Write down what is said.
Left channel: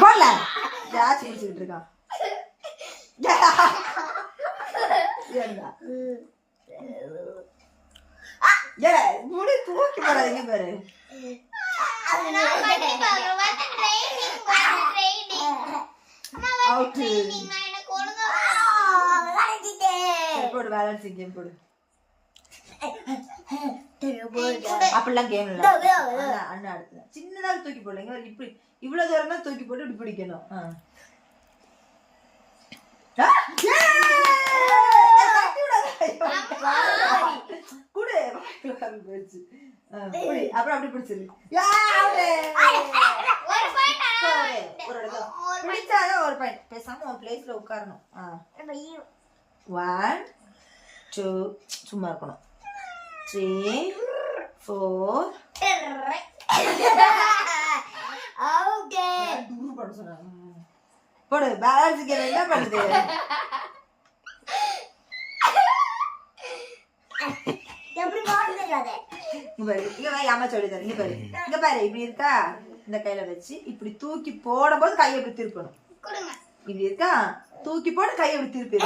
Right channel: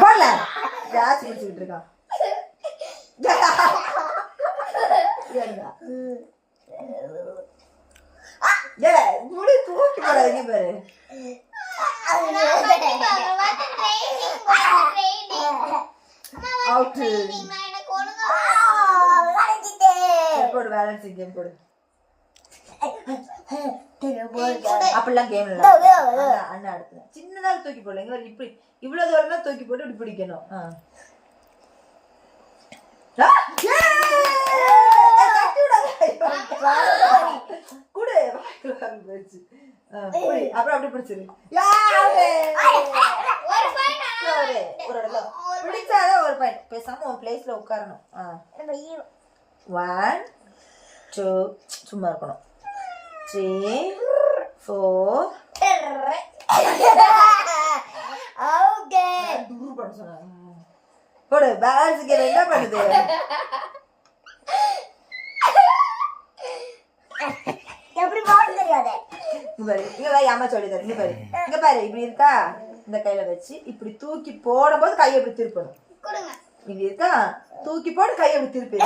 போடல ஜாச்சி பிடிச்சிட்டு இருக்கான். முடி தூக்கி போடாதீங்க பாரு. போடு பேலன்சிங் கேம் போடு. அப்படிலாம் கேம் இல்ல அண்ணா அடுத்து சின்னதாக தூக்கி போடல. இப்படி இவ்வளவு தூரம் தான் தூக்கி போட்டு இப்படி பிடிக்கணும். அப்புறம் அப்படி பிடிச்சிரு. பிடிச்சாதான் ஒரு பாயிண்ட். பேசாம ஒரு பிளேஸ்ல உட்காரணும். 1 2 சும்மா இருக்கணும். 3 4 போடு. பேலன்ஸ் கேம் என்ன பண்ணுது? அம்மா சொல்லி தரேன். இங்க பாரு, இங்க பாரு, இப்படி இருக்கா? இந்த கையில வச்சு இப்படி தூக்கி போடும் போது கையை இப்படி திருப்பணும். இப்படி இருக்கா? தூக்கி போட்டு கையை இப்படி திருப்பி